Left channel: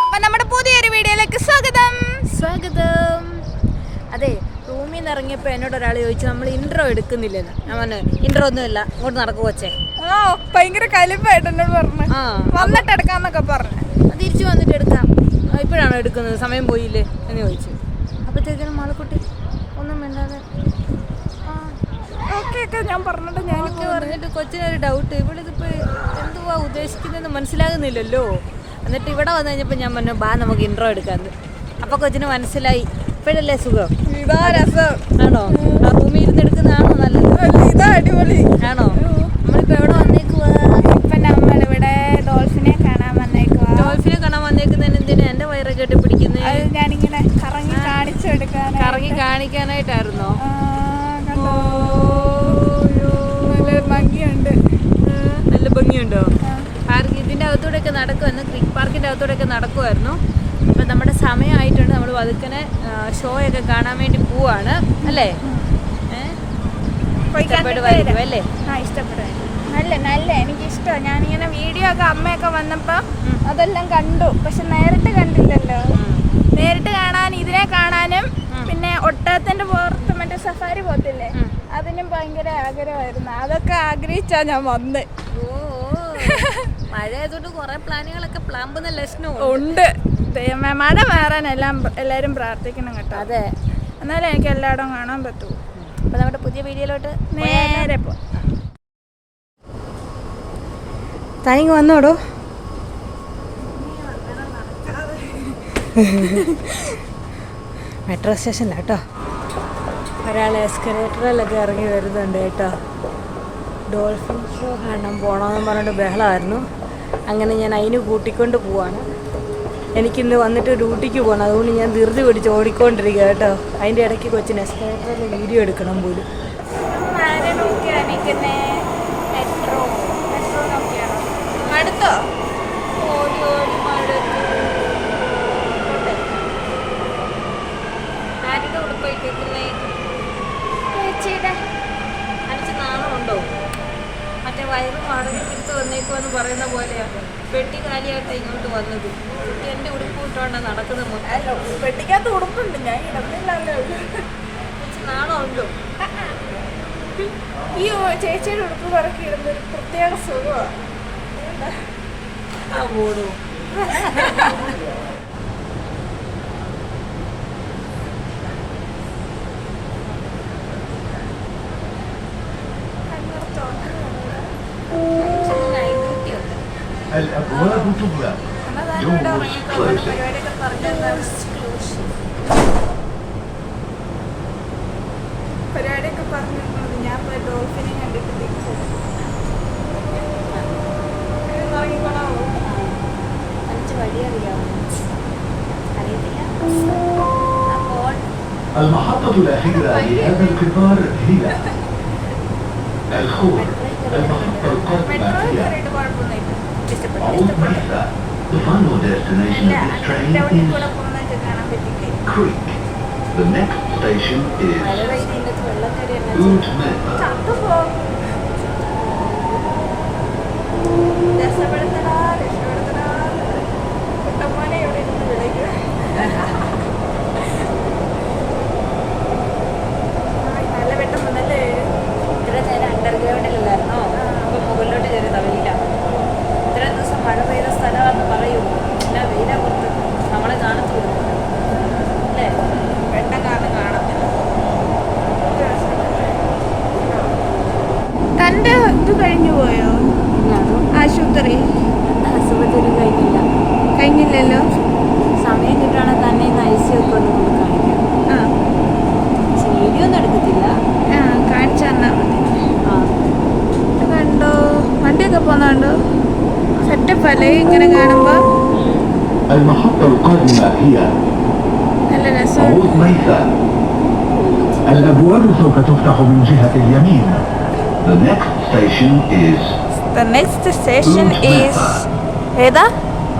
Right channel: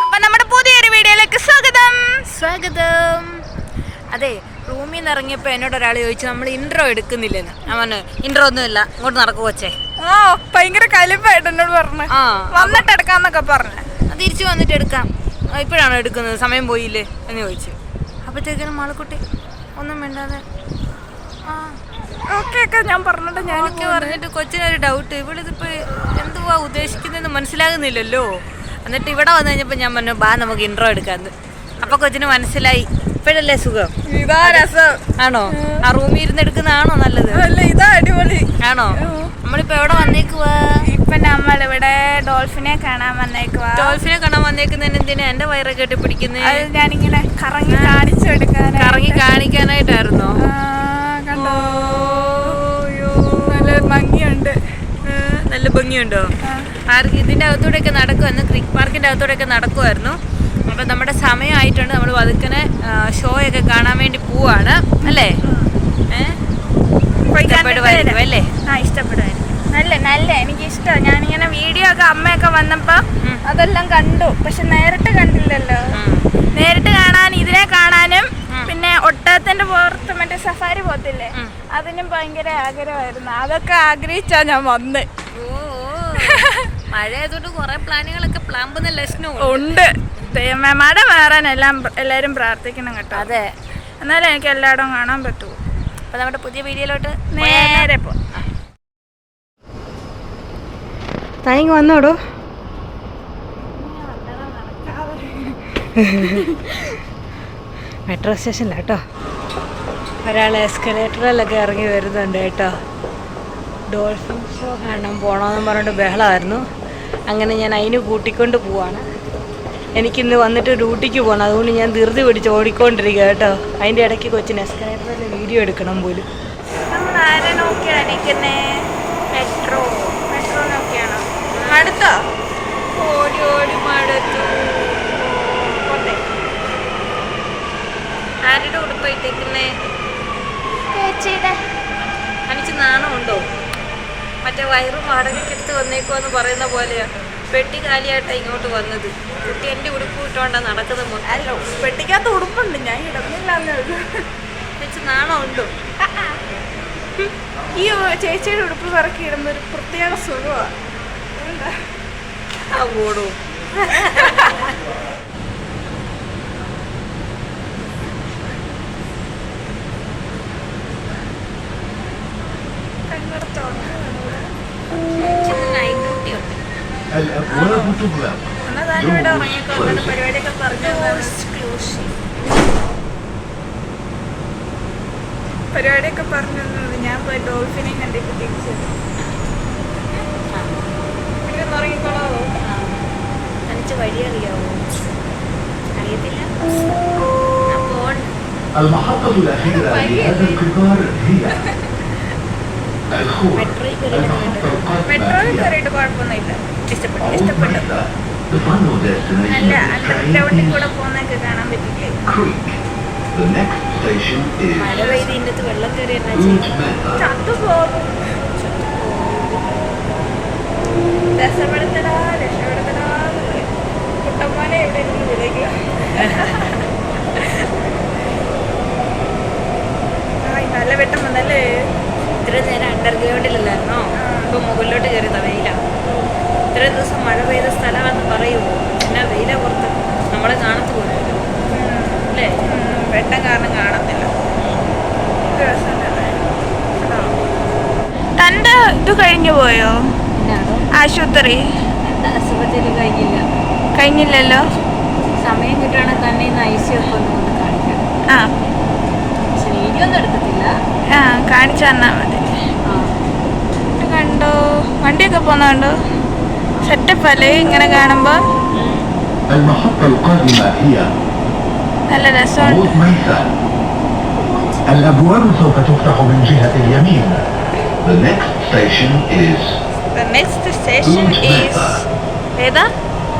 അപ്പൊ നമ്മുടെ പുതിയൊരു വീഡിയോയിലേക്ക് സ്വാഗതം. സ്വാഗതം. അതെ റൂമിൽ നിന്ന് ഇറങ്ങിയപ്പോ എന്നോട് ഒരാൾ ചോദിച്ചു നമ്മൾ ഇൻട്രോ എടുക്കുന്നില്ലെന്ന്. ഞാൻ പറഞ്ഞു ഇൻട്രോ ഒന്നുമില്ല ഇങ്ങോട്ട് നടക്കു വച്ചേ ആ ഭയങ്കര കലിപ്പായിട്ട് എന്നോട് പറഞ്ഞു. ആ വന്നിട്ട് എടുക്കാന്നൊക്കെ പറഞ്ഞു. തിരിച്ചു വന്നിട്ട് എടുക്കാം. ഇപ്പോഴാണോ എടുക്കുന്നത്? സമയം പോയില്ലേ? എന്ന് ചോദിച്ചു. അപ്പോഴത്തേക്കിനും മാളക്കുട്ടി ഒന്നും വേണ്ടാതെ ആ ഓക്കെ ഒക്കെ ഞാൻ പറഞ്ഞിട്ട് ഞാൻ ഞാനൊക്കെ പറഞ്ഞിട്ട് കൊച്ചിനൊരു ഡൗട്ട് ഇവളിതിപ്പോ എന്തുവാ ഉദ്ദേശിക്കുന്നതെന്ന് മനസ്സിലാകുന്നില്ലല്ലോ. എന്നിട്ട് ഇവിടെ വന്നു കഴിഞ്ഞപ്പോൾ ഞാൻ പറഞ്ഞു ബാ നമുക്ക് ഇൻട്രോ എടുക്കാന്ന്. അപ്പൊ കൊച്ചിന് മനസ്സിലായി. ഇപ്പോഴല്ലേ സുഖം? ഇതാ രസം. ആണോ? ആ റൂമിൽ ഇരുന്ന് എടുക്കുന്നതാണോ നല്ലത്? അല്ല ഇതാ അടിപൊളി. ആണോ? നമ്മളിപ്പോ എവിടെ വന്നേക്കുവാ? ഇപ്പൊ നമ്മളിവിടെ ഡോൾഫിനെ കാണാൻ വന്നേക്കുവാ. ഡോൾഫിനെ കാണാൻ വന്നേക്കുന്നതിന് എന്തിനാ? എന്റെ വയറൊക്കെ പിടിക്കുന്നത് അത് ഞാനിങ്ങനെ കറങ്ങി കാണിച്ചു എടുക്കാൻ കറങ്ങി കാണിക്കാനായിട്ടായിരുന്നോ കണ്ടോ നല്ല ഭംഗിയുണ്ട് ഏ, നല്ല ഭംഗിയുണ്ടോ? പാർക്ക് ഇതിന്റെ അകത്തൂടെയൊക്കെ നടക്കുമായിരുന്നു ക്രിക്ക് പാർക്കിന്റെ അകത്തൂടെയൊക്കെ നടക്കുമായിരുന്നു അപ്പൊ നമ്മുടെ സമയമായിട്ടുണ്ട്. നമ്മൾ പതുക്കനെ ഷോയൊക്കെ കാണാൻ വേണ്ടി പോവാണ്. അല്ലേ? അല്ലേ? ആ ഇഷ്ടപ്പെടുമായിരിക്കും നല്ല നല്ല. എനിക്ക് ഞാൻ ഞാനിങ്ങനെ വീഡിയോ ഒക്കെ അമ്മയൊക്കെ വന്നപ്പോ. അതെല്ലാം കണ്ടു. പക്ഷെ നേരിട്ട് കണ്ടില്ലല്ലോ. നേരിട്ട് കാണാൻ ഇതിനെ കാണാനും പിന്നെ ഒട്ടകത്തിന്റെ പുറത്ത് മറ്റേ സഫാരി പോത്തില്ലേ അതിനും ഭയങ്കര ആഗ്രഹമായിരുന്നു. അതൊക്കെ ആഗ്രഹിച്ചാ ഞാൻ വന്ന്. മഴയതുകൊണ്ട് കുറെ പ്ലാനുകളൊക്കെ പ്ലാമ്പുന്ന ലക്ഷണം ഉണ്ട്. മഴ മാറാൻ എല്ലാം എല്ലാരും പ്രാർത്ഥിക്കണം കേട്ടോ. അതെ. എന്നാലും എനിക്ക് എല്ലായിടവും കാണാൻ പറ്റൂ. അപ്പൊ നമ്മുടെ പുതിയ വീഡിയോയിലോട്ട് നേരെ പോ. താനിങ് വന്നോടോ. മെട്രോ സ്റ്റേഷനിലാട്ടോ ഒരാൾ എസ്കലേറ്ററിലൊക്കെ ഇറങ്ങി വരുന്നുണ്ട് കേട്ടോ. ഡോൾഫിൻ ഷോ കാണാൻ പോകണമെന്ന് പറഞ്ഞിട്ട് ബഹളമായിരുന്നു അങ്ങനെ ഞാൻ അതിന് കൂട്ടിക്കൊണ്ട് പോവാണ്. എനിക്കിന്ന് വന്നിട്ട് ഡ്യൂട്ടിക്ക് പോകണം അതുകൊണ്ട് ഞാൻ ധൃതി പിടിച്ച് ഓടിക്കൊണ്ടിരിക്കുക കേട്ടോ. അതിന്റെ ഇടയ്ക്ക് കൊച്ചിന് എസ്കലേറ്ററിൽ വീഡിയോ എടുക്കണം പോലും. നമ്മൾ ആരെ നോക്കിയാണ് ചേച്ചിയുടെ. മറ്റേ വയറും വാടകയ്ക്കെടുത്ത് വന്നേക്കുമെന്ന് പറയുന്ന പോലെയാ. പെട്ടി കാലിയായിട്ടാ ഇങ്ങോട്ട് വന്നത്. കുട്ടി എന്റെ ഉടുപ്പ് ഇട്ടോണ്ടാ നടക്കുന്നത് മൊത്തം അല്ലോ പെട്ടിക്കകത്ത് ഉടുപ്പുണ്ട്. ഞാൻ ഉള്ളൂ എനിക്ക് നാണമുണ്ടോ ഈ ചേച്ചിയുടെ ഉടുപ്പ് പറക്കി ഇടുമ്പോൾ ഒരു പ്രത്യേക സുഖമാണ് ആ പോടൂ പരിപാടിയൊക്കെ പറഞ്ഞു പരിപാടിയൊക്കെ പറഞ്ഞു തന്നത് ഞാൻ പോയി ഡോൾഫിനെ കണ്ടിട്ട് തിരിച്ചത് ഉറങ്ങിക്കോളാവോ എനിക്ക് വഴി അറിയാവോ അറിയത്തില്ല ആ പോണ്ട് المحطة الأخيرة لهذا القطار هي الخوف المحطة മെട്രോയിൽ القادمة هي കയറിയിട്ട് കുഴപ്പമൊന്നുമില്ല എനിക്ക് ഇഷ്ടപ്പെട്ടു. ഇഷ്ടപ്പെട്ടു നല്ല അണ്ടർഗ്രൗണ്ടിൽ കൂടെ പോകുന്നൊക്കെ കാണാൻ പറ്റില്ലേ മഴ പെയ്ത് ഇന്നത്തെ വെള്ളം കയറി എന്നാ ചത്തുപോകും രസപ്പെടുത്തടാ രക്ഷപ്പെടുത്തടാ കുട്ടമ്മോനെ എവിടെ ഇരുന്ന് വിളിക്കുക. നല്ല വെട്ടം വന്നല്ലേ ഇത്ര നേരം അണ്ടർഗ്രൗണ്ടിലല്ലായിരുന്നോ ഇപ്പൊ മുകളിലോട്ട് കയറി തവയിലാണ് ഇത്ര ദിവസം മഴ പെയ്ത സ്ഥലമാണെന്ന് പറയുമോ എന്നാ വെയില പുറത്ത് നമ്മളെ കാണത്തു പോലും അല്ലേ? വെട്ടം കാരണം കാണത്തില്ല. തന്റെ ഇത് കഴിഞ്ഞു പോയോ? ആശുപത്രി? അസുഖത്തിനും കഴിഞ്ഞില്ല. കഴിഞ്ഞില്ലല്ലോ? സമയം കിട്ടുകയാണെങ്കിൽ തന്നെ ഇന്ന് ഐ സി ഒക്കെ ഒന്ന് കാണിക്കാം. ആ. വീഡിയോ ഒന്നും എടുക്കത്തില്ല ആ കാണിച്ചു തന്നാ മതി. കണ്ടോ? വണ്ടിയൊക്കെ പോകുന്നുണ്ടോ സെറ്റപ്പ് അല്ലേ ഇങ്ങനെ കാണുമ്പോ المحطة القادمة هي നല്ല രസമുണ്ട് عوميفا. الأبواب سوف تفتح من جهة اليمين. The next station is The next station is ഏതാ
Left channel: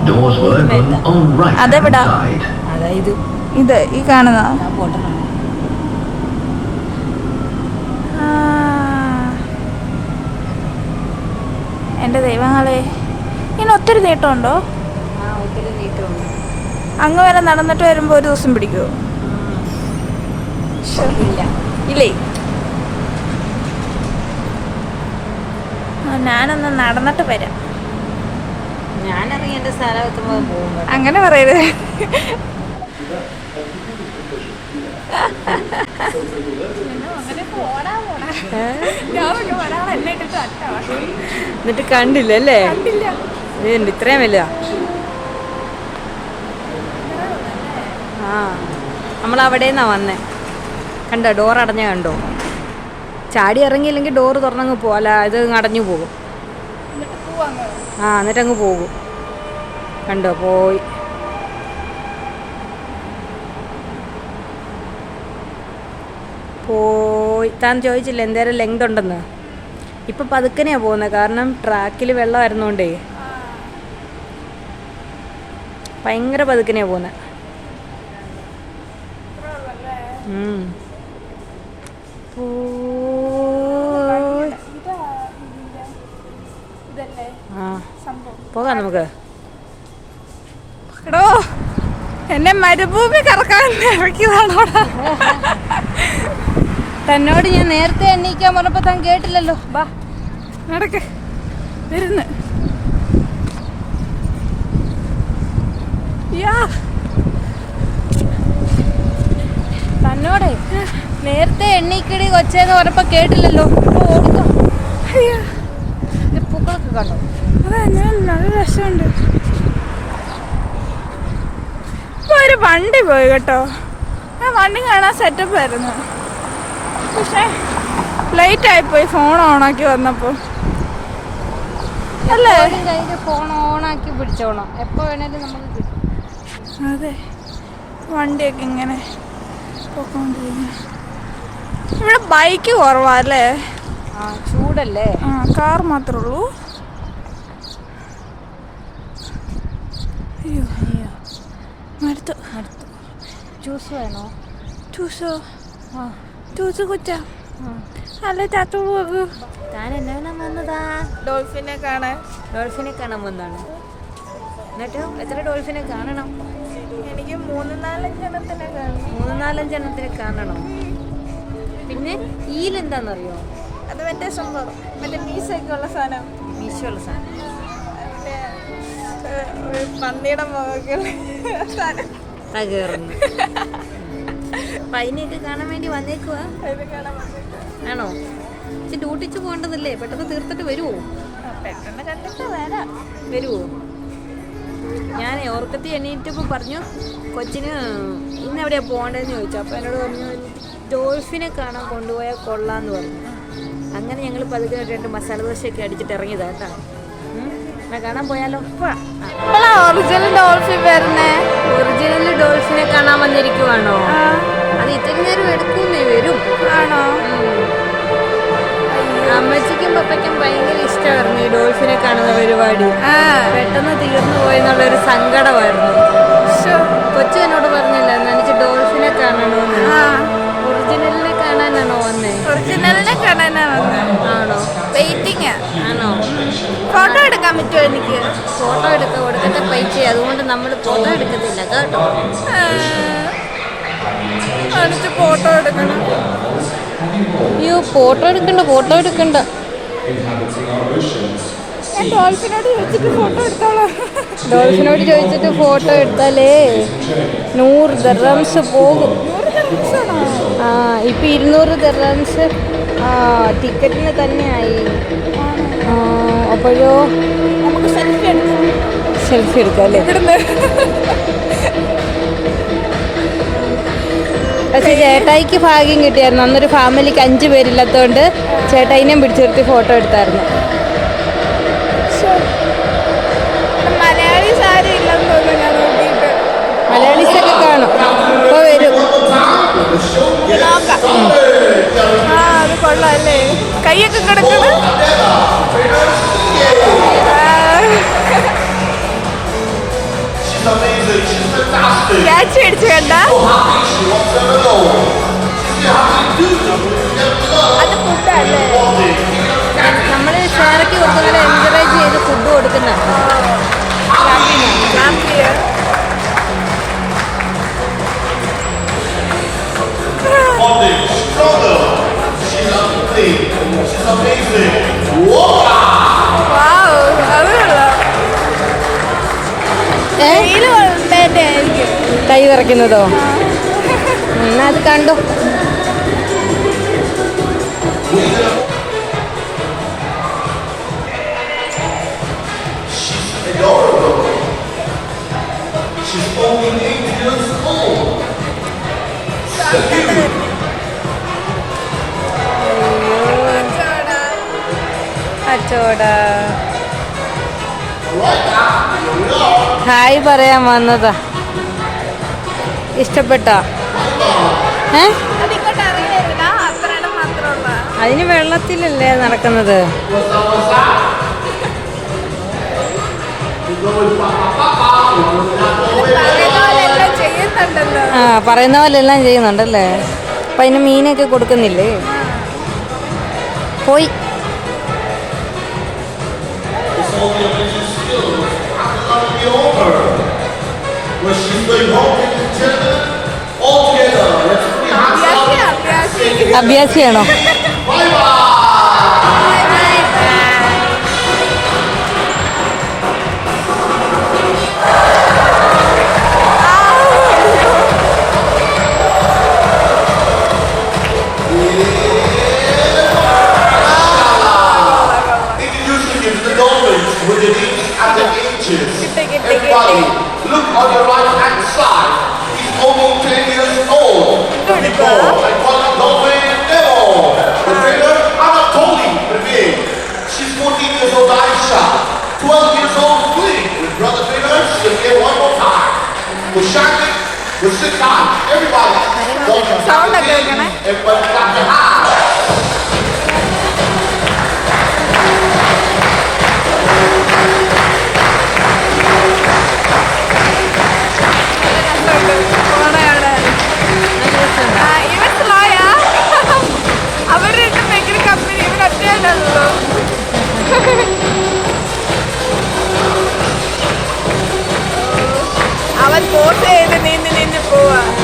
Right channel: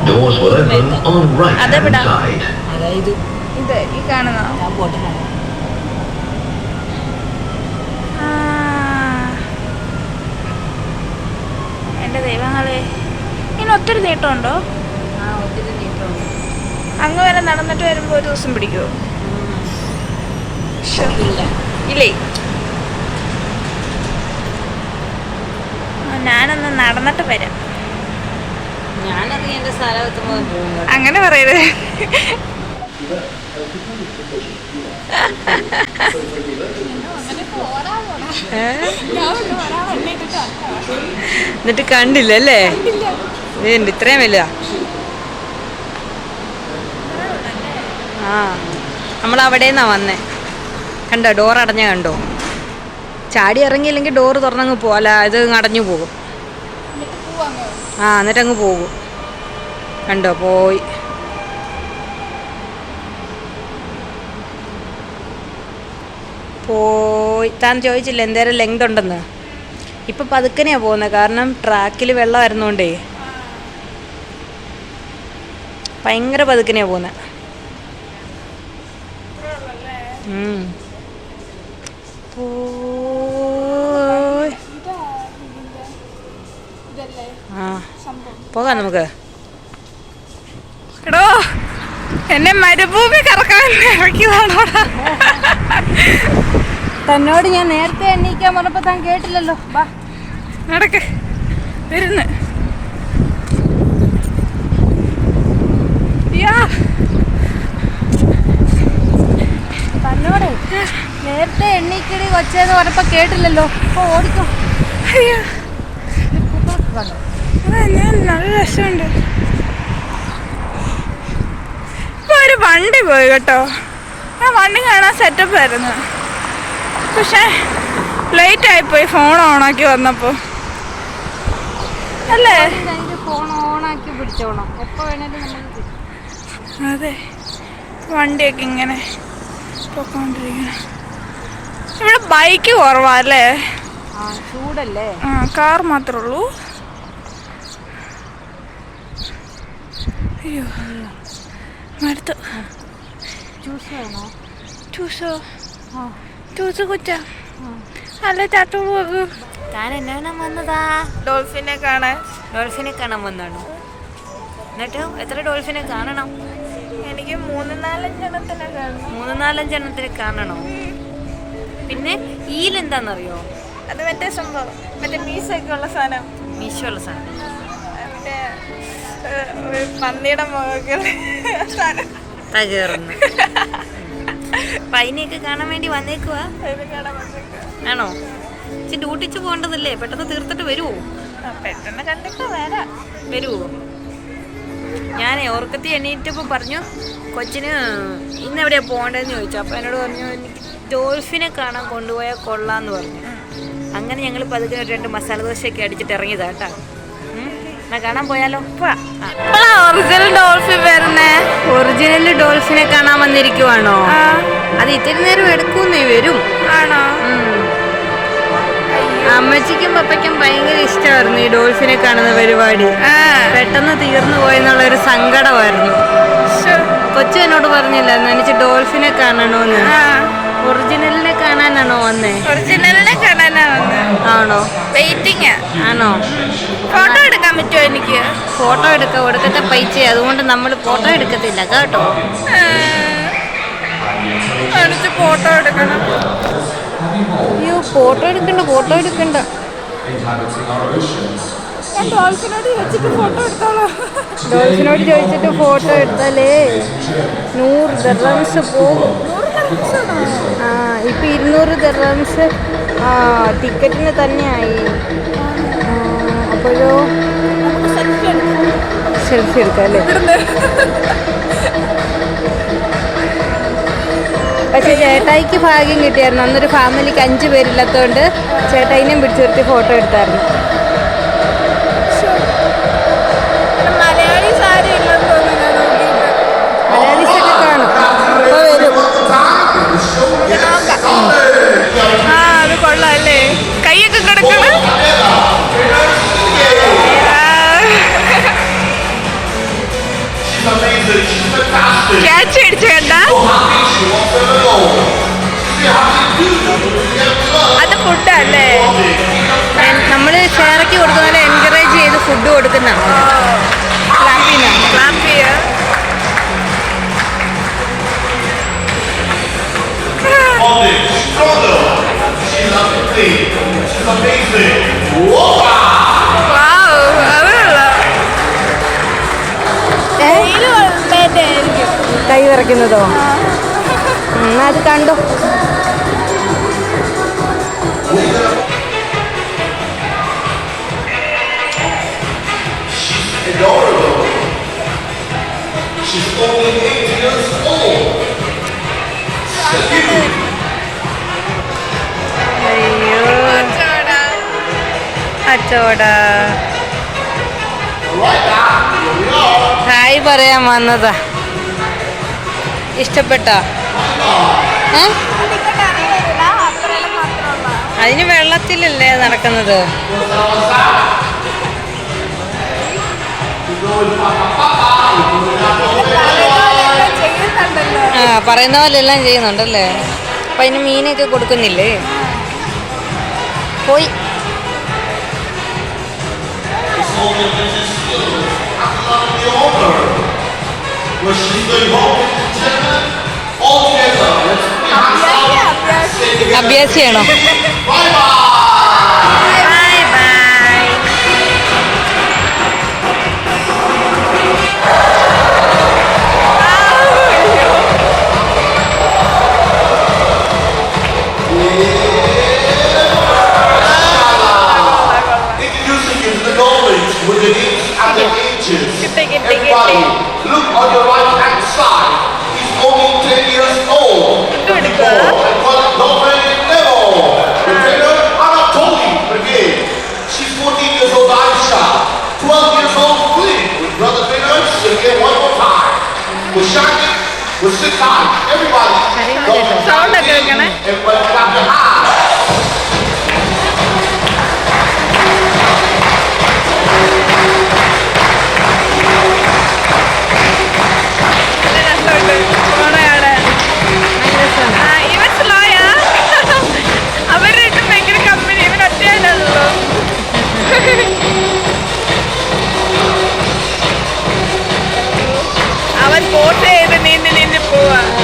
doors will open on right hand അതെവിടാ? side. അതായത് ഇത് ഈ കാണുന്നോ ഞാൻ പോട്ടെ ആ. എൻ്റെ ദൈവങ്ങളെ ഇനി ഒത്തിരി നീട്ടമുണ്ടോ? അങ്ങ് വരെ നടന്നിട്ട് വരുമ്പോൾ ഒരു ദിവസം പിടിക്കോ ഇല്ല. ഞാനൊന്ന് നടന്നിട്ട് വരാം. അങ്ങനെ പറയരുത്. ഏ? എന്നിട്ട് കണ്ടില്ല. അല്ലേ ഇതുണ്ട് ഇത്രയും വലുതാ. ആ നമ്മൾ അവിടെ നിന്നാ വന്നേ. കണ്ടോ ഡോർ അടഞ്ഞ കണ്ടോ? ചാടി ഇറങ്ങിയില്ലെങ്കിൽ ഡോർ തുറന്നങ്ങ് പോകും അല്ല ഇത് അടഞ്ഞു പോകും. ആ എന്നിട്ട് അങ്ങ് പോകും. കണ്ടോ പോയി. പോയി. താൻ ചോദിച്ചില്ല എന്തേരം ലെങ്ത് ഉണ്ടെന്ന്? ഇപ്പം പതുക്കനെയാ പോകുന്നത് കാരണം ട്രാക്കിൽ വെള്ളം വരുന്നോണ്ടേ. ഭയങ്കര പതുക്കനെയാ പോകുന്നത് ആ. പോകാം നമുക്ക്. എടോ എന്നെ മരുഭൂമി കറക്കാൻ തന്നോട് ഞാൻ നേരത്തെ എണ്ണീക്കാൻ പറഞ്ഞപ്പോ താൻ കേട്ടില്ലല്ലോ. ബാ. നടക്ക്. വരുന്ന്. തന്നോട് നേരത്തെ എണ്ണീക്കിടി കൊച്ചേന്ന് പറഞ്ഞപ്പോ കേട്ടില്ലല്ലോ. ഇപ്പൊ ഓടിക്കോ അയ്യോ. പൂക്കളൊക്കെ കണ്ടോ? അതാ ഞാൻ നല്ല രസമുണ്ട്. ഇപ്പൊ ഒരു വണ്ടി പോയി കേട്ടോ. ആ വണ്ടി കാണാൻ സെറ്റപ്പ് ആയിരുന്നു. പക്ഷേ ലേറ്റ് ആയിപ്പോയി ഫോൺ ഓണാക്കി വന്നപ്പോ. അല്ലേ? ഫോൺ ഓണാക്കി പിടിച്ചോണം. എപ്പോ വേണേലും നമുക്ക്. അതെ. വണ്ടിയൊക്കെ ഇങ്ങനെ പൊക്കോണ്ടിരിക്കണം ഇവിടെ ബൈക്ക് കുറവാ അല്ലേ? ആ ചൂടല്ലേ? ആ കാർ മാത്രമേ ഉള്ളൂ. അയ്യോ. മടുത്തു ജ്യൂസ് വേണോ? ജ്യൂസോ? ജ്യൂസ് കുച്ച ആ. അല്ല ചാത്തോളൂ താൻ എന്നാണ് വന്നതാ? ഡോൾഫിനെ കാണാൻ. ഡോൾഫിനെ കാണാൻ വന്നാണോ എന്നിട്ട് എത്ര ഡോൾഫിനെ കാണണം? എനിക്ക് മൂന്ന് നാലഞ്ചെണ്ണത്തിനെ കാണണം മൂന്ന് നാലഞ്ചെണ്ണത്തിന് കാണണോ? പിന്നെ ഈൽ എന്താണെന്നറിയോ അത് മറ്റേ സംഭവം. മറ്റേ മീശയൊക്കെ ഉള്ള സാധനം. മീശോള്ള സാധനം. മറ്റേ പന്നിയുടെ മുഖമൊക്കെ സാധനം. തകർന്ന്. അപ്പൊ അതിനെയൊക്കെ കാണാൻ വേണ്ടി വന്നേക്കുവാ. ആണോ? ഇച്ചി ഡ്യൂട്ടിച്ച് പോകേണ്ടതല്ലേ? പെട്ടെന്ന് തീർത്തിട്ട് വരുമോ പെട്ടെന്ന് കണ്ടിട്ട് വരാം. വരുമോ ഞാൻ ഓർക്കത്തി എണീറ്റപ്പോൾ പറഞ്ഞു കൊച്ചിന് ഇന്ന് എവിടെയാ പോകേണ്ടതെന്ന് ചോദിച്ചു. അപ്പോൾ എന്നോട് പറഞ്ഞു എനിക്ക് ഡോൾഫിനെ കാണാൻ കൊണ്ടുപോയാൽ കൊള്ളാന്ന് പറഞ്ഞു. അങ്ങനെ ഞങ്ങൾ പതുക്കെ രണ്ട് മസാല ദോശയൊക്കെ അടിച്ചിട്ട് ഇറങ്ങിയതാ കേട്ടോ. എന്നാ കാണാൻ പോയാലോ? ഒറിജിനൽ ഡോൾഫിൻ വരുന്നേ? ഒറിജിനൽ ഡോൾഫിനെ കാണാൻ വന്നിരിക്കുവാണോ? അത് ഇത്തിരി നേരം എടുക്കുന്നേ വരും. ആണോ? അമ്മച്ചിക്കും പപ്പയ്ക്കും ഭയങ്കര ഇഷ്ടമായിരുന്നു ഈ ഡോൾഫിനെ കാണുന്ന പരിപാടി. ആ. പെട്ടെന്ന് തീർന്നു പോയെന്നുള്ളൊരു സങ്കടമായിരുന്നു. ശ്ശോ. കൊച്ചു എന്നോട് പറഞ്ഞില്ല എനിക്ക് ഡോൾഫിനെ കാണണോന്ന്. ഒറിജിനലിനെ കാണാനാണോ വന്നേ? ഒറിജിനലിനെ കാണാനാ വന്നേ. ആണോ? വെയിറ്റിംഗ് ആണോ? ഫോട്ടോ എടുക്കാൻ പറ്റുമോ എനിക്ക്? ഫോട്ടോ എടുക്ക കൊടുക്കത്തെ പൈസ. അതുകൊണ്ട് നമ്മൾ ഫോട്ടോ എടുക്കത്തില്ല കേട്ടോ? ഫോട്ടോ എടുക്കണം. അയ്യോ ഫോട്ടോ എടുക്കണ്ട ഫോട്ടോ എടുക്കണ്ട. ഞാൻ ഡോൾഫിനോട് വെച്ചിട്ട് ഫോട്ടോ എടുത്തോളാം. ഡോൾഫിനോട് ചോദിച്ചിട്ട് ഫോട്ടോ എടുത്താലേ നൂറ് ദർറംസ് പോകും. ആ ഇപ്പം ഇരുന്നൂറ് ദർറംസ് ആ ടിക്കറ്റിന് തന്നെയായി. അപ്പോഴോ? സെൽഫി എടുക്കാം. അല്ലേ? പക്ഷെ ചേട്ടായിക്ക് ഭാഗ്യം കിട്ടിയായിരുന്നു. അന്നൊരു ഫാമിലിക്ക് അഞ്ച് പേരില്ലാത്തതുകൊണ്ട് ചേട്ടായിനെയും പിടിച്ചു നിർത്തി ഫോട്ടോ എടുത്തായിരുന്നു മലയാളി സാരി ഇല്ലെന്ന് തോന്നുന്നു നോക്കിയിട്ട്. മലയാളീസൊക്കെ കാണും. ഇപ്പോൾ വരും. ആ അത് കൊള്ളാം അല്ലേ കൈയൊക്കെ കിടക്കണ? ക്യാച്ച് അടിച്ചു കണ്ട അത് ഫുഡല്ലേ നമ്മൾ ഷെയറൊക്കെ കൊടുക്കുന്ന എൻകറേജ് ചെയ്ത് ഫുഡ് കൊടുക്കുന്ന. Wow, I don't know. Eh? തൈ വിറയ്ക്കുന്നതോ? എന്നാ അത് കണ്ടു? അയ്യോ. അച്ചോടാ പറയാൻ വന്നതാ. ഇഷ്ടപ്പെട്ട? അതിന് വെള്ളത്തിലല്ലേ നടക്കുന്നത്? ആ പറയുന്ന പോലെ എല്ലാം ചെയ്യുന്നുണ്ടല്ലേ? അപ്പം അതിന് മീനൊക്കെ കൊടുക്കുന്നില്ലേ? പോയി. where she's going home with the gentleman all together. അഭ്യാസിയാണോ กลัว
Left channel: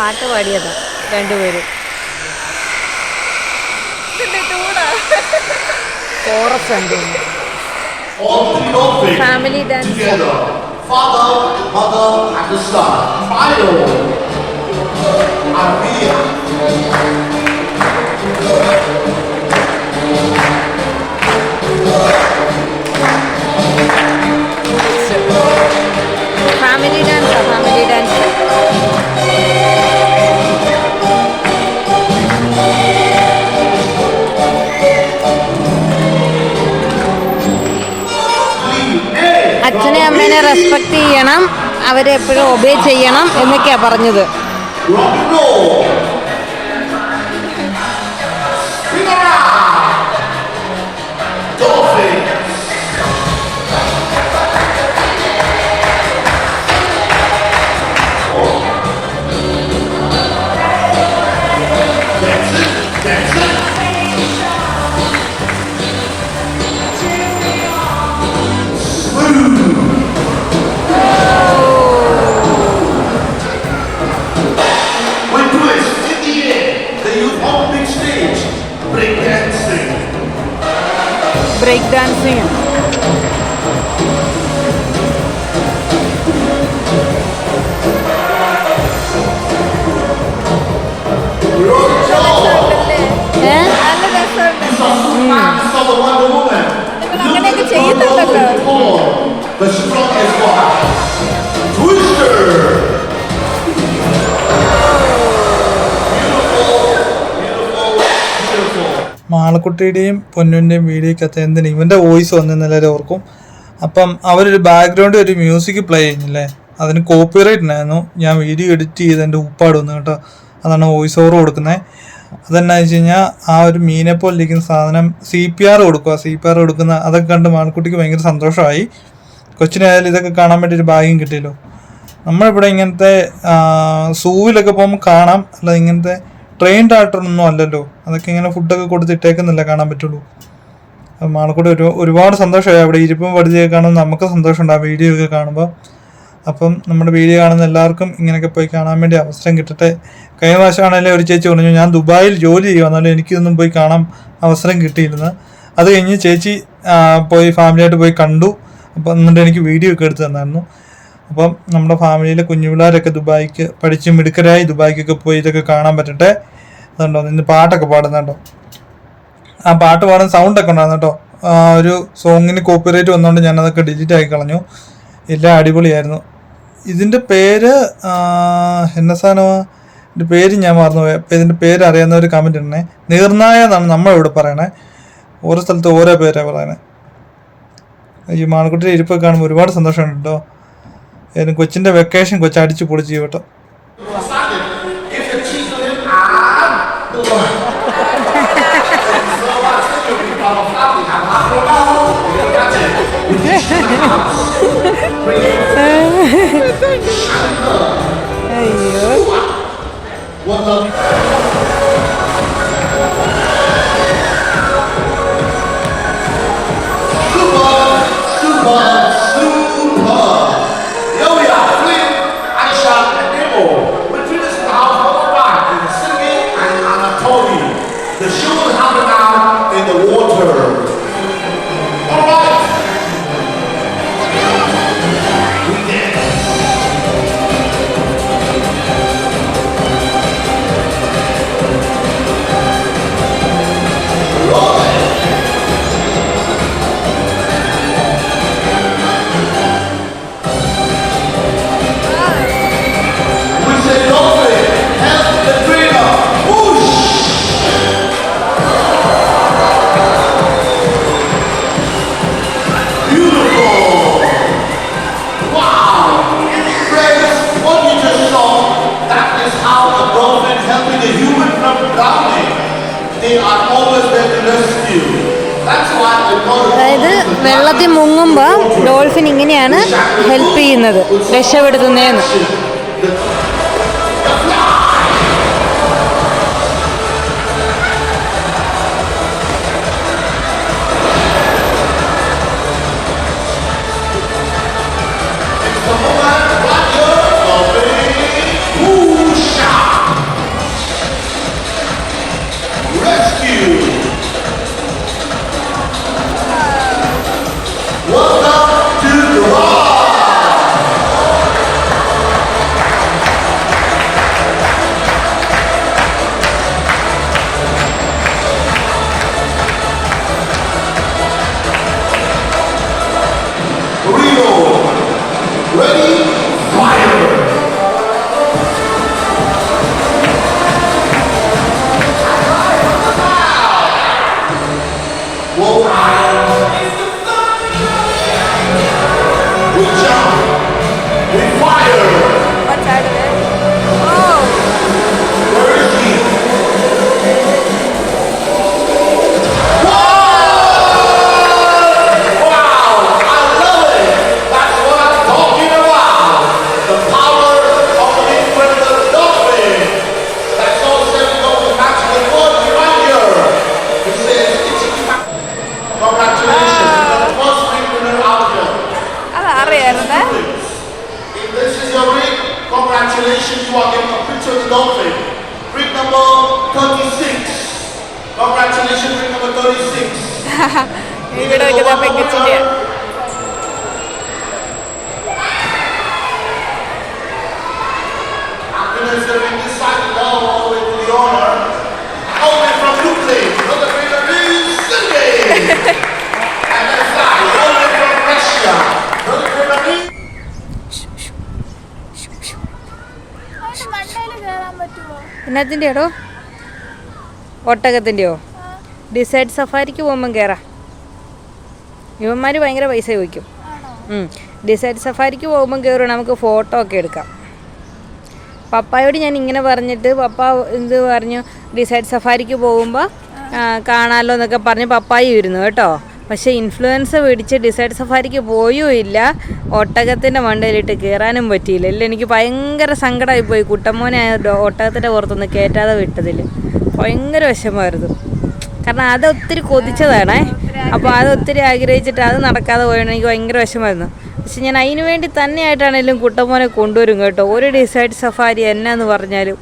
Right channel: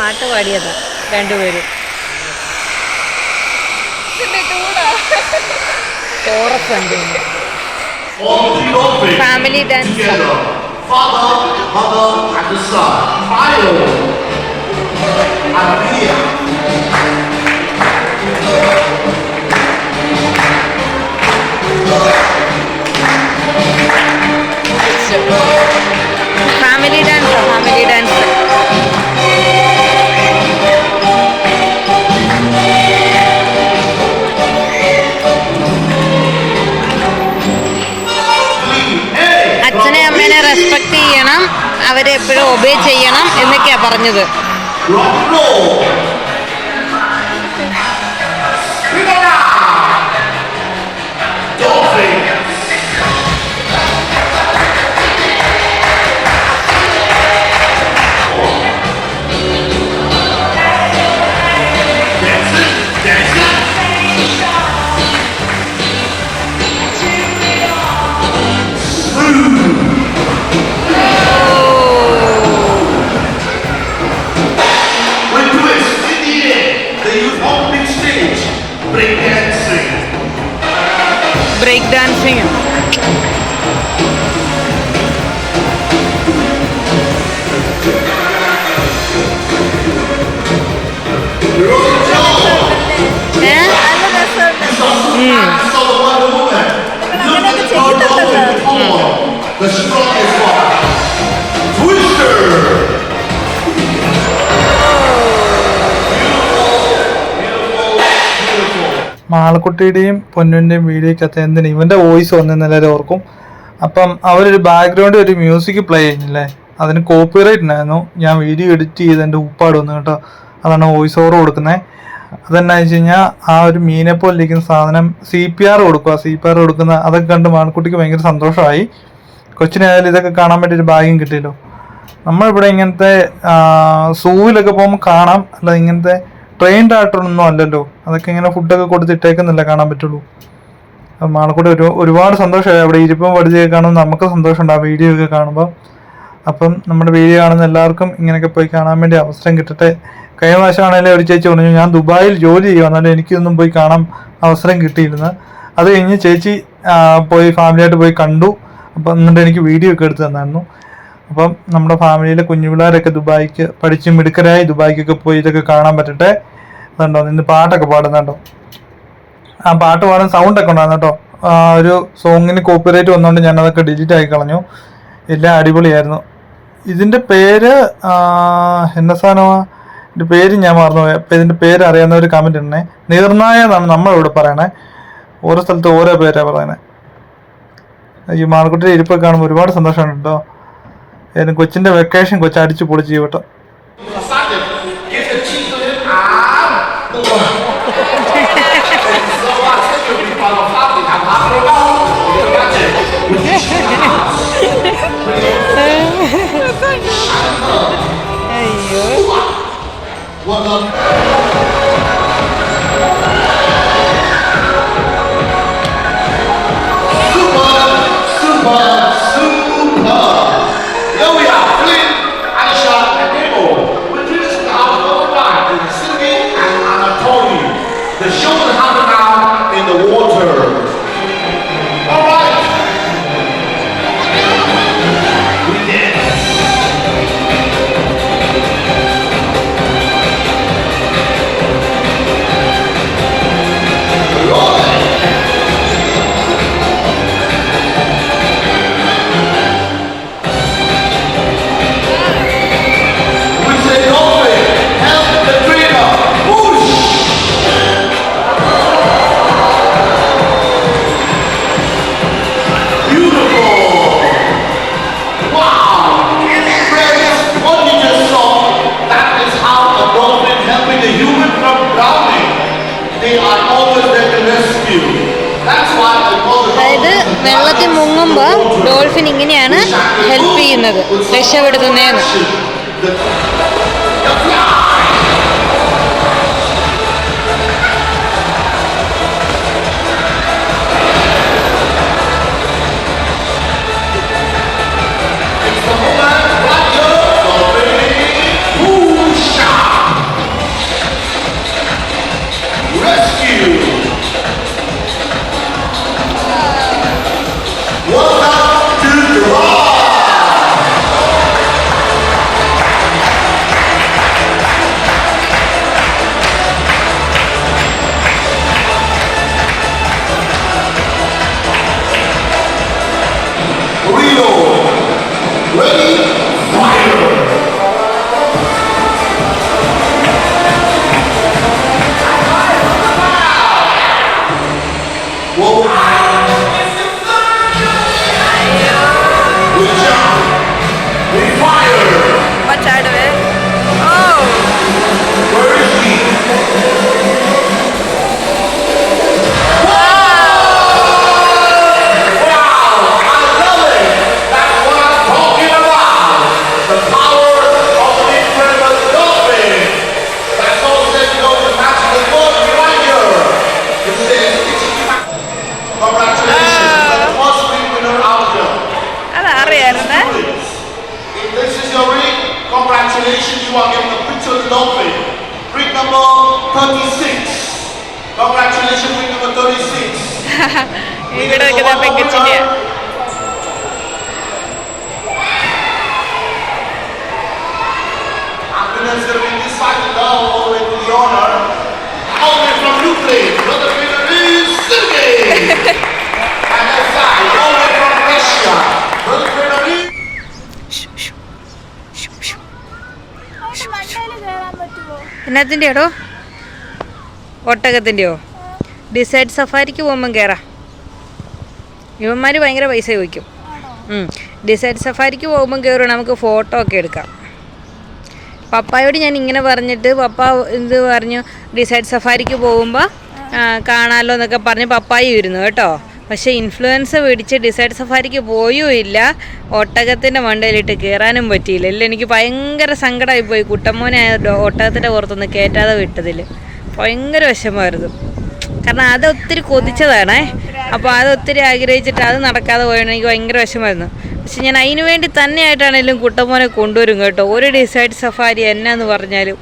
പാട്ട് പാടിയതാ രണ്ടുപേരും കോറസ് ഉണ്ട് family dance. Family dance family dance respect ചെയ്യണം അവരെ എപ്പോഴും ഒബേ ചെയ്യണം എന്നൊക്കെയാണ് പറഞ്ഞത്. മാളക്കുട്ടിയുടെയും പൊന്നുന്റെയും വീഡിയോക്കകത്ത് എന്തിന്? ഇവന്റെ വോയിസ് വന്നെന്ന് എല്ലാവരും ഓർക്കും. അപ്പം അവരൊരു ബാക്ക്ഗ്രൗണ്ടിൽ ഒരു മ്യൂസിക് പ്ലേ ചെയ്യുന്നില്ലേ? അതിന് കോപ്പിറൈറ്റ് ഉണ്ടായിരുന്നു. ഞാൻ വീഡിയോ എഡിറ്റ് ചെയ്ത് എന്റെ ഉപ്പാട് വന്നു കേട്ടോ. അതാണ് വോയിസ് ഓവർ കൊടുക്കുന്നത് അതെന്നാ വെച്ച് കഴിഞ്ഞാൽ ആ ഒരു മീനെ പോലെ സാധനം സി പി ആർ കൊടുക്കുക സി പി ആർ കൊടുക്കുന്ന അതൊക്കെ കണ്ട് മാളക്കുട്ടിക്ക് ഭയങ്കര സന്തോഷമായി. കൊച്ചിനായാലും ഇതൊക്കെ കാണാൻ വേണ്ടി ഒരു ഭാഗ്യം കിട്ടിയല്ലോ. നമ്മളിവിടെ ഇങ്ങനത്തെ സൂവിലൊക്കെ പോകുമ്പോൾ കാണാം. അല്ല ഇങ്ങനത്തെ ട്രെയിൻഡ് ആയിട്ടൊന്നും അല്ലല്ലോ. അതൊക്കെ ഇങ്ങനെ ഫുഡൊക്കെ കൊടുത്തിട്ടേക്കുന്നില്ല കാണാൻ പറ്റുള്ളൂ. അപ്പം മാളക്കൂടെ ഒരു ഒരുപാട് സന്തോഷമായി. അവിടെ ഇരിപ്പം പഠിച്ചൊക്കെ കാണുമ്പോൾ നമുക്ക് സന്തോഷമുണ്ട് ആ വീഡിയോ ഒക്കെ കാണുമ്പോൾ. അപ്പം നമ്മുടെ വീഡിയോ കാണുന്ന എല്ലാവർക്കും ഇങ്ങനെയൊക്കെ പോയി കാണാൻ വേണ്ടി അവസരം കിട്ടട്ടെ. കഴിഞ്ഞ പ്രാവശ്യമാണെങ്കിലും ഒരു ചേച്ചി പറഞ്ഞു ഞാൻ ദുബായിൽ ജോലി ചെയ്യുക എന്നാലും എനിക്കൊന്നും പോയി കാണാൻ അവസരം കിട്ടിയിരുന്നു അത് കഴിഞ്ഞ് ചേച്ചി പോയി ഫാമിലിയായിട്ട് പോയി കണ്ടു. അപ്പം എന്നിട്ട് എനിക്ക് വീഡിയോ ഒക്കെ എടുത്ത് തന്നായിരുന്നു. അപ്പം നമ്മുടെ ഫാമിലിയിലെ കുഞ്ഞു പിള്ളേരൊക്കെ ദുബായിക്ക് പഠിച്ച് മിടുക്കരായി ദുബായിക്കൊക്കെ പോയി ഇതൊക്കെ കാണാൻ പറ്റട്ടെ? അതുണ്ടോ? നിന്ന് പാട്ടൊക്കെ പാടുന്നുണ്ടോ? ആ പാട്ട് പാടാൻ സൗണ്ടൊക്കെ ഉണ്ടായിരുന്നു കേട്ടോ. ഒരു സോങ്ങിന് കോപ്പിറൈറ്റ് വന്നുകൊണ്ട് ഞാനതൊക്കെ ഡിലീറ്റ് ആക്കി കളഞ്ഞു. എല്ലാം അടിപൊളിയായിരുന്നു. ഇതിന്റെ പേര് എന്ന സാധനമാണ് ഇതിന്റെ പേര് ഞാൻ മറന്നുപോയി. അപ്പോൾ ഇതിന്റെ പേര് അറിയാവുന്ന ഒരു കമന്റ് ഇടണേ നീർനായ എന്നാണ് നമ്മളിവിടെ പറയണേ. ഓരോ സ്ഥലത്ത് ഓരോ പേരാണ് പറയുന്നത് ഈ മാളക്കുട്ടിയുടെ ഇരിപ്പൊക്കെ കാണുമ്പോൾ ഒരുപാട് സന്തോഷമുണ്ട് കേട്ടോ. ഏതായാലും കൊച്ചിന്റെ വെക്കേഷൻ കൊച്ചു അടിച്ച് പൊളിച്ച് ചെയ്യട്ടോ. Give അതായത് വെള്ളത്തിൽ മുങ്ങുമ്പോൾ. ഡോൾഫിൻ ഇങ്ങനെയാണ് ഹെൽപ്പ് ചെയ്യുന്നത് രക്ഷപ്പെടുത്തുന്നതെന്ന് other നിൽക്കുന്ന is എന്നത്തിന്റെയാടോ ഒട്ടകത്തിന്റെയോ ഡിസൈഡ് സഫാരിക്ക് പോകുമ്പം കയറാം ഇവന്മാർ ഭയങ്കര പൈസ ചോദിക്കും. ഡിസൈഡ് സഫാരിക്ക് പോകുമ്പം കയറും നമുക്ക് ഫോട്ടോ ഒക്കെ എടുക്കാം. പപ്പായോട് ഞാൻ ഇങ്ങനെ പറഞ്ഞിട്ട് പപ്പ ഇത് പറഞ്ഞു ഡിസൈഡ് സഫാരിക്ക് പോകുമ്പോൾ കാണാമല്ലോ എന്നൊക്കെ പറഞ്ഞ് പപ്പായും ഇരുന്നു കേട്ടോ. പക്ഷേ ഇൻഫ്ലുവൻസ് പിടിച്ച് ഡിസൈഡ് സഫാരിക്ക് പോയും ഇല്ല. ഒട്ടകത്തിന്റെ മണ്ടയിലിട്ട് കയറാനും പറ്റിയില്ല. ഇല്ല എനിക്ക് ഭയങ്കര സങ്കടമായി പോയി കുട്ടമ്മോനെ ഒട്ടകത്തിന്റെ പുറത്തൊന്ന് കയറ്റാതെ വിട്ടതിൽ ഭയങ്കര വിഷമമായിരുന്നു. കാരണം അത് ഒത്തിരി കൊതിച്ചതാണേ. അപ്പോൾ അത് ഒത്തിരി ആഗ്രഹിച്ചിട്ട് അത് നടക്കാതെ പോയാണ് എനിക്ക് ഭയങ്കര വിഷമായിരുന്നു പക്ഷെ ഞാൻ അതിന് വേണ്ടി തന്നെയായിട്ടാണെങ്കിലും കുട്ടമോനെ കൊണ്ടുവരും കേട്ടോ. ഒരു ഡിസൈഡ് സഫാരി എന്നാന്ന് പറഞ്ഞാലും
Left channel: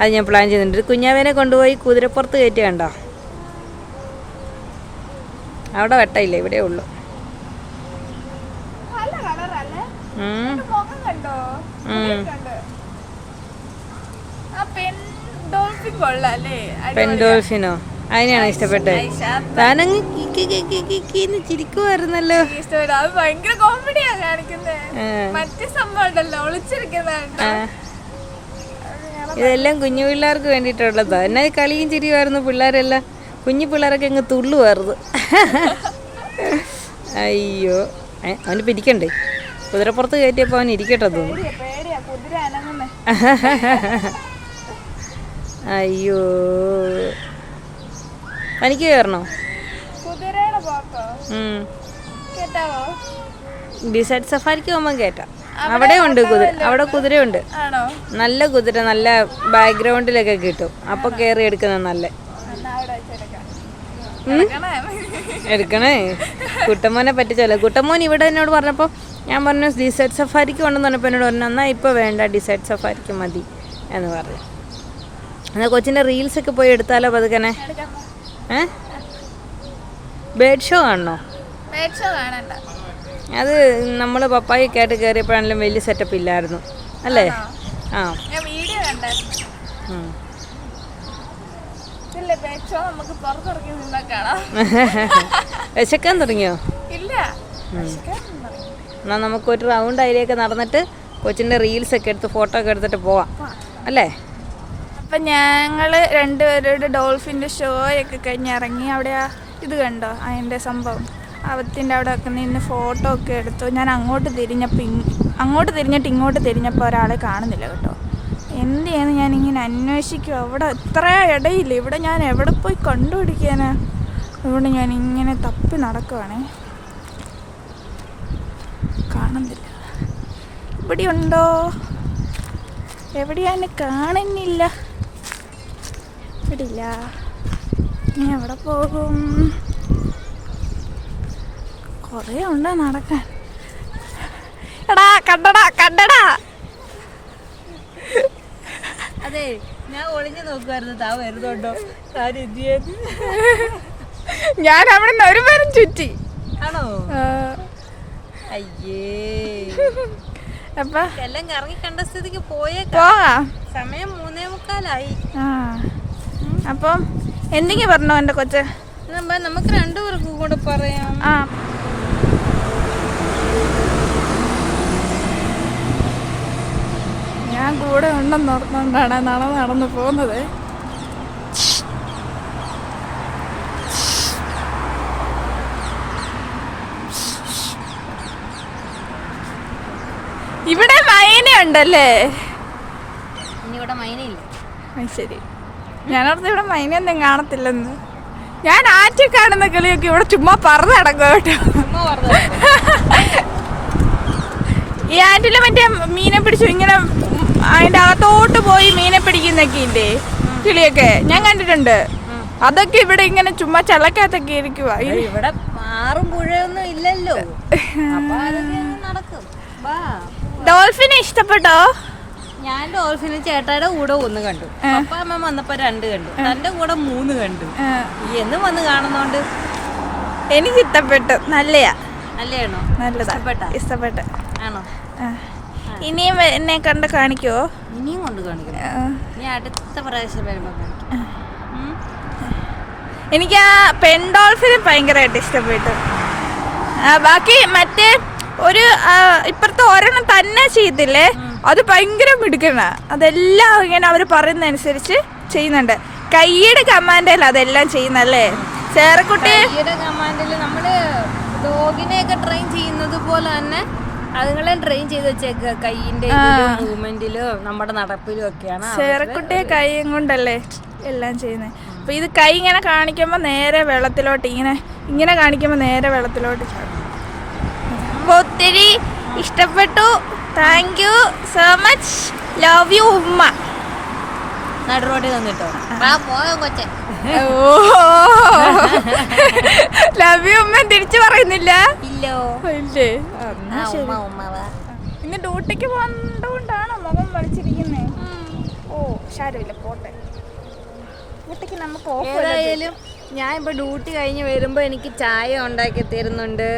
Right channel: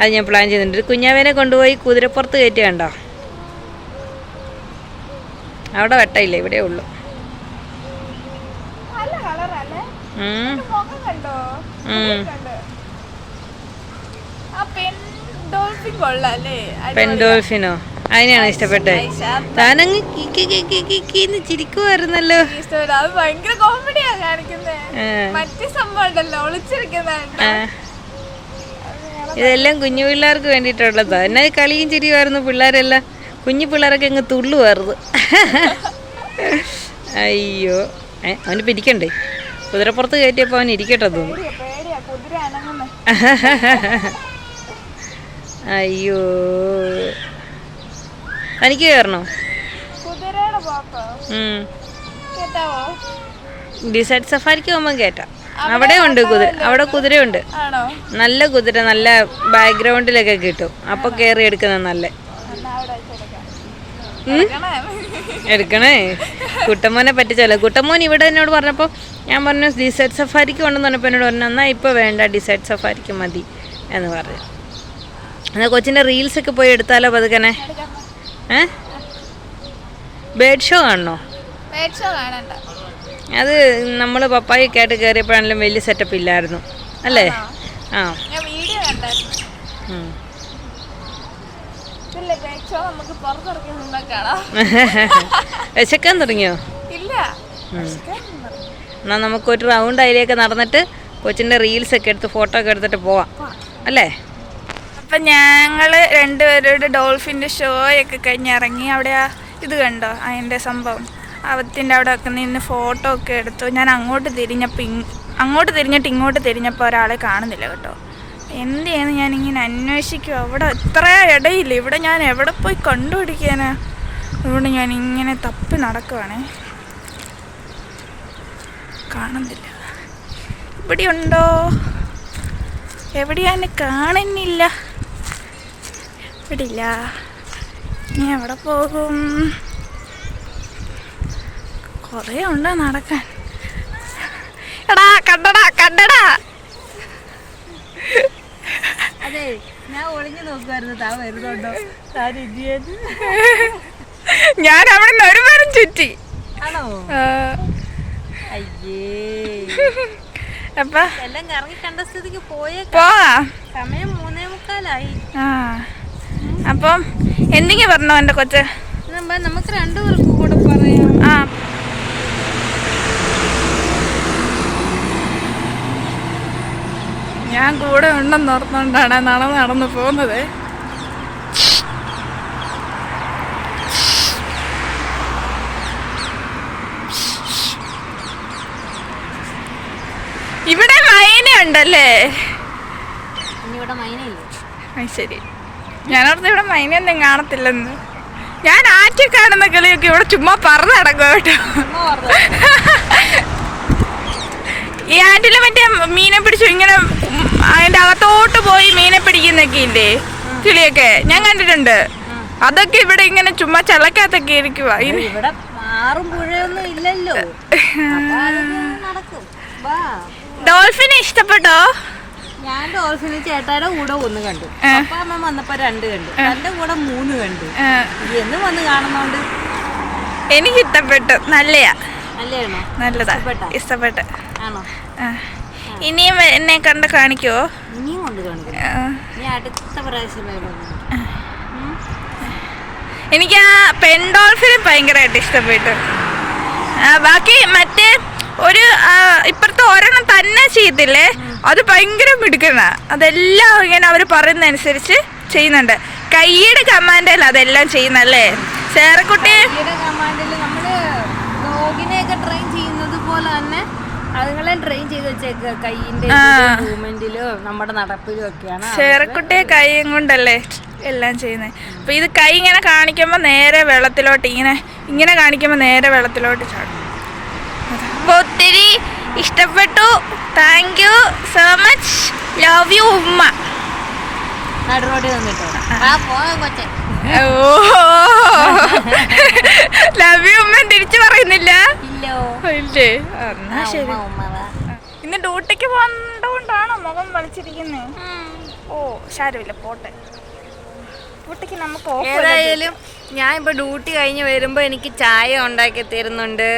അത് ഞാൻ പ്ലാൻ ഒരു കുഞ്ഞാവേനെ കൊണ്ടുപോയി കുതിരപ്പുറത്ത് കയറ്റി കണ്ടോ? അവിടെ വെട്ടയില്ല? ഇവിടെ ഉള്ളു. പെൻഡോൾഫിനോ അതിനെയാണ് ഇഷ്ടപ്പെട്ടത്. താനങ്ങ് ചിരിക്കുമായിരുന്നല്ലോ. ഭയങ്കര കോമഡിയാ കാണിക്കുന്നത്. മറ്റേ ഇതെല്ലാം കുഞ്ഞു പിള്ളേർക്ക് വേണ്ടിയിട്ടുള്ളതാ. എന്നാ കളിയും ചിരിയുമായിരുന്നു പിള്ളേരെല്ലാം. കുഞ്ഞു പിള്ളേരൊക്കെ അങ്ങ് തുള്ളുമായിരുന്നു. അയ്യോ. അവന് പിരിക്കണ്ടേ കുതിരപ്പുറത്ത് കയറ്റിയപ്പോൾ അവൻ ഇരിക്കട്ടെ തോന്നുന്നു. അയ്യോ. തനിക്ക് കയറണോ ഡിസൈഡ് സഫാരിക്ക് പോകുമ്പോൾ കയറ്റാം അവിടെ ഉണ്ട് കുതിര. അവിടെ കുതിരയുണ്ട്. നല്ല കുതിര നല്ല ബാക്ക്ഗ്രൗണ്ടിലൊക്കെ കിട്ടും. അപ്പൊ കയറി എടുക്കുന്ന നല്ല? എടുക്കണേ? കുട്ടമോനെ പറ്റിച്ചല്ലോ കുട്ടമോൻ ഇവിടെ എന്നോട് പറഞ്ഞപ്പോൾ ഞാൻ പറഞ്ഞു ഡിസൈഡ് സഫാരിക്ക് കൊണ്ടെന്ന് പറഞ്ഞപ്പോൾ എന്നോട് പറഞ്ഞു എന്നാൽ ഇപ്പോൾ വേണ്ട ഡിസൈഡ് സഫാരിക്ക് മതി എന്ന് പറഞ്ഞു. എന്നാൽ കൊച്ചിന്റെ റീൽസൊക്കെ പോയി എടുത്താലോ പതുക്കനെ. ഏ? ബേഡ് ഷോ കാണണോ? കാണണ്ട. അത് നമ്മൾ പപ്പായൊക്കെ ആയിട്ട് കയറിയപ്പോഴാണെങ്കിലും വലിയ സെറ്റപ്പ് ഇല്ലായിരുന്നു. അല്ലേ? ആ. വീഡിയോ വിശക്കാൻ തുടങ്ങിയോ? ഇല്ല. ഉം. എന്നാൽ നമുക്കൊരു റൗണ്ട് അതിലേക്ക് നടന്നിട്ട് കൊച്ചിന്റെ റീൽസൊക്കെ എടുത്ത് ഫോട്ടോ ഒക്കെ എടുത്തിട്ട് പോവാം. അല്ലേ? അപ്പൊ ഞങ്ങൾ രണ്ടുപേരുടെ ഡോൾഫിന്റെ ഷോ ഒക്കെ കഴിഞ്ഞ് ഇറങ്ങി. അവിടെ ആ ഇത് കണ്ടോ? അതിന്റെ സംഭവം. അവത്തിന്റെ അവിടെ ഒക്കെ നിന്ന് ഫോട്ടോ ഒക്കെ എടുത്തു. ഞാൻ അങ്ങോട്ട് തിരിഞ്ഞപ്പോൾ അങ്ങോട്ട് തിരിഞ്ഞിട്ട് ഇങ്ങോട്ട് തിരിഞ്ഞപ്പോൾ ഒരാളെ കാണുന്നില്ല കേട്ടോ. എന്ത് ചെയ്യുന്നു ഞാനിങ്ങനെ അന്വേഷിക്കും അവിടെ ഇത്ര ഇടയില്ല? ഇവിടെ ഞാൻ എവിടെ പോയി കണ്ടുപിടിക്കാനാ? അതുകൊണ്ട് ഞാൻ ഇങ്ങനെ തപ്പി നടക്കുവാണേ. കാണുന്നില്ല. ഇവിടെ ഉണ്ടോ എവിടെയാണ് കാണുന്നില്ല. ഇവിടെ ഇല്ല നീ എവിടെ പോകും? കുറേ ഉണ്ട് നടക്കാൻ. എടാ കണ്ടടാ കണ്ടടാ. അതെ ഞാൻ ഒളിഞ്ഞു നോക്കുമായിരുന്നു താ വരുന്നുണ്ടോ? ഞാൻ അവിടെ നിന്ന് ഒരു പേരും ചുറ്റി. ആണോ? അയ്യേ. അപ്പൊ. എല്ലാം കറങ്ങി കണ്ട സ്ഥിതിക്ക് പോയേ പോവാ. സമയം മൂന്നേ മുക്കാലായി. ആ. അപ്പം എന്തെങ്കിലും പറഞ്ഞോ എന്റെ കൊച്ച്? നമുക്ക് രണ്ടുപേർക്കും കൂടെ പറയാം. ആ. ഞാൻ കൂടെ ഉണ്ടെന്ന് ഓർത്തുകൊണ്ടാണ് നടന്ന് നടന്ന് പോകുന്നത്. ഇവിടെ മൈന ഉണ്ടല്ലേ ഇവിടെ മൈനയില്ല. ശരി. ഞാനോർത്ത് ഇവിടെ മൈനൊന്നും കാണത്തില്ലെന്ന്. ഞാൻ ആറ്റി കാണുന്ന കിളിയൊക്കെ ഇവിടെ ചുമ്മാ പറഞ്ഞു നടക്കും കേട്ടോ. ഈ ആറ്റിലെ മറ്റേ മീനെ പിടിച്ചു ഇങ്ങനെ അതിന്റെ അകത്തോട്ട് പോയി മീനെ പിടിക്കുന്നൊക്കെ ഇല്ലേ? കിളിയൊക്കെ. ഞാൻ കണ്ടിട്ടുണ്ട്. അതൊക്കെ ഇവിടെ ഇങ്ങനെ ചുമ്മാ ചള്ളക്കകത്തൊക്കെ ഇരിക്കുക ഇവിടെ പുഴയൊന്നും ഇല്ലല്ലോ. ഡോൾഫിനെ ഇഷ്ടപ്പെട്ടോ? ഞാൻ ഡോൾഫിന് ചേട്ടായുടെ കൂടെ ഒന്ന് കണ്ടു. അപ്പ അമ്മ വന്നപ്പോ രണ്ട് കണ്ടു. തന്റെ കൂടെ മൂന്ന് കണ്ടു. എന്ന് വന്ന് കാണുന്നോണ്ട്? എനിക്ക് ഇഷ്ടപ്പെട്ടു നല്ലയാ. നല്ലതാണോ? നല്ലതാ. ഇഷ്ടപ്പെട്ട? ആണോ. ഇനിയും എന്നെ കണ്ട് കാണിക്കോ ഇനിയും കൊണ്ട് കാണിക്കണം. ആ. നീ അടുത്ത പ്രാവശ്യം എനിക്ക് ആ പെൻഡോൾഫിനെ ഭയങ്കരമായിട്ട് ഇഷ്ടപ്പെട്ടു. ബാക്കി മറ്റേ ഒരു ഇപ്പുറത്തെ ഒരെണ്ണം തന്നെ ചെയ്തില്ലേ? അത് ഭയങ്കര മിടുക്കണ അതെല്ലാം ഇങ്ങനെ അവർ പറയുന്നതനുസരിച്ച് ചെയ്യുന്നുണ്ട്. കൈയുടെ കമാൻഡല്ല അതെല്ലാം ചെയ്യുന്നല്ലേ ചേറക്കുട്ടി നമ്മൾ ഡോഗിനെയൊക്കെ ട്രെയിൻ ചെയ്യുന്നത് പോലെ തന്നെ അതുങ്ങളെ ട്രെയിൻ ചെയ്ത് വെച്ചേക്ക. കൈയിന്റെ മൂവ്മെന്റിലും നമ്മുടെ നടപ്പിലും ഒക്കെയാണ്. സേറക്കുട്ടിയെ കൈയും കൊണ്ടല്ലേ എല്ലാം ചെയ്യുന്നത് അപ്പൊ ഇത് കൈ ഇങ്ങനെ കാണിക്കുമ്പോൾ നേരെ വെള്ളത്തിലോട്ട് ഇങ്ങനെ ഇങ്ങനെ കാണിക്കുമ്പോൾ നേരെ വെള്ളത്തിലോട്ട് ചാടും. ഒത്തിരി ഇഷ്ടപ്പെട്ടു. Thank you so much love you ഉമ്മ. ലവ് യു ഉമ്മ. തിരിച്ചു പറയുന്നില്ല? ഇല്ലോ. ഇല്ലേ? എന്നാ ശരി. ഇന്ന് ഡ്യൂട്ടിക്ക് പോകണ്ടോണ്ടാണോ മുഖം വലിച്ചിരിക്കുന്നത് ഓ ശാരമില്ല പോട്ടെ. ഡ്യൂട്ടിക്ക് നമുക്ക് ഏതായാലും ഞാൻ ഇപ്പോൾ ഡ്യൂട്ടി കഴിഞ്ഞ് വരുമ്പോൾ എനിക്ക് ചായ ഉണ്ടാക്കി തരുന്നുണ്ട്.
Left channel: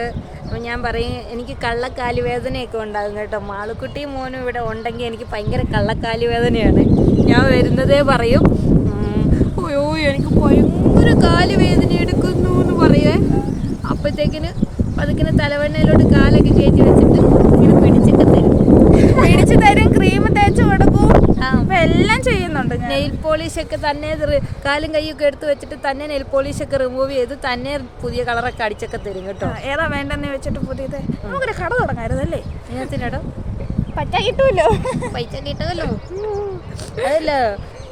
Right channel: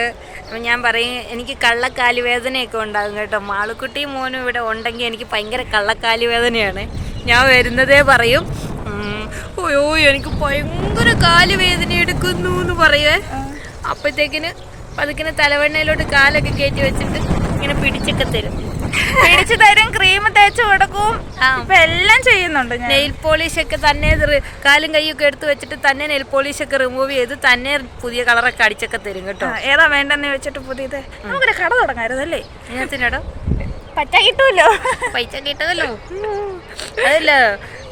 അപ്പം ഞാൻ പറയും എനിക്ക് കള്ളക്കാലി വേദനയൊക്കെ ഉണ്ടാകും കേട്ടോ. മാളുക്കുട്ടിയും മോനും ഇവിടെ ഉണ്ടെങ്കിൽ എനിക്ക് ഭയങ്കര കള്ളക്കാലി വേദനയാണ്. ഞാൻ വരുന്നതേ പറയും. അയ്യോ എനിക്ക് ഭയങ്കര കാൽ വേദന എടുക്കുന്നു എന്ന് പറയുവേ അപ്പോഴത്തേക്കിന് പതുക്കിന് തലവെണ്ണയിലോട്ട് കാലൊക്കെ കയറ്റി വെച്ചിട്ട് ഇങ്ങനെ പിടിച്ചൊക്കെ തരും. പിടിച്ചു തരും ക്രീം തേച്ച് കൊടുക്കും. ഇപ്പൊ എല്ലാം ചെയ്യുന്നുണ്ട് നെയിൽ പോളിഷ് ഒക്കെ തന്നെ കാലും കൈയൊക്കെ എടുത്ത് വെച്ചിട്ട് തന്നെ നെയിൽ പോളിഷ് ഒക്കെ റിമൂവ് ചെയ്ത് തന്നെ പുതിയ കളറൊക്കെ അടിച്ചൊക്കെ തരും കേട്ടോ. ഏതാ വേണ്ടെന്ന് വെച്ചിട്ട് പുതിയത്? നമുക്കൊരു കട തുടങ്ങായിരുന്നല്ലേ? പറ്റ കിട്ടുമല്ലോ പൈസ കിട്ടുമല്ലോ അതല്ല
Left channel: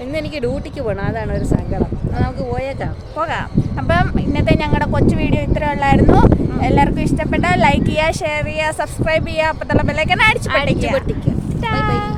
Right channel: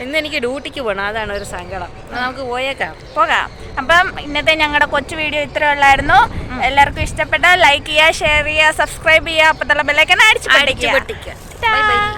ഇന്ന് എനിക്ക് ഡ്യൂട്ടിക്ക് പോകണം അതാണ് ഒരു സങ്കടം. നമുക്ക് പോയേക്കാം. പോകാം. അപ്പം ഇന്നത്തെ ഞങ്ങളുടെ കൊച്ചു വീഡിയോ ഇത്ര ഉള്ളായിരുന്നു. എല്ലാവർക്കും ഇഷ്ടപ്പെട്ടാൽ ലൈക്ക് ചെയ്യുക ഷെയർ ചെയ്യുക സബ്സ്ക്രൈബ് ചെയ്യുക. അപ്പത്തുള്ള ബെല്ലൈക്കൻ അടിച്ചു അടിച്ചു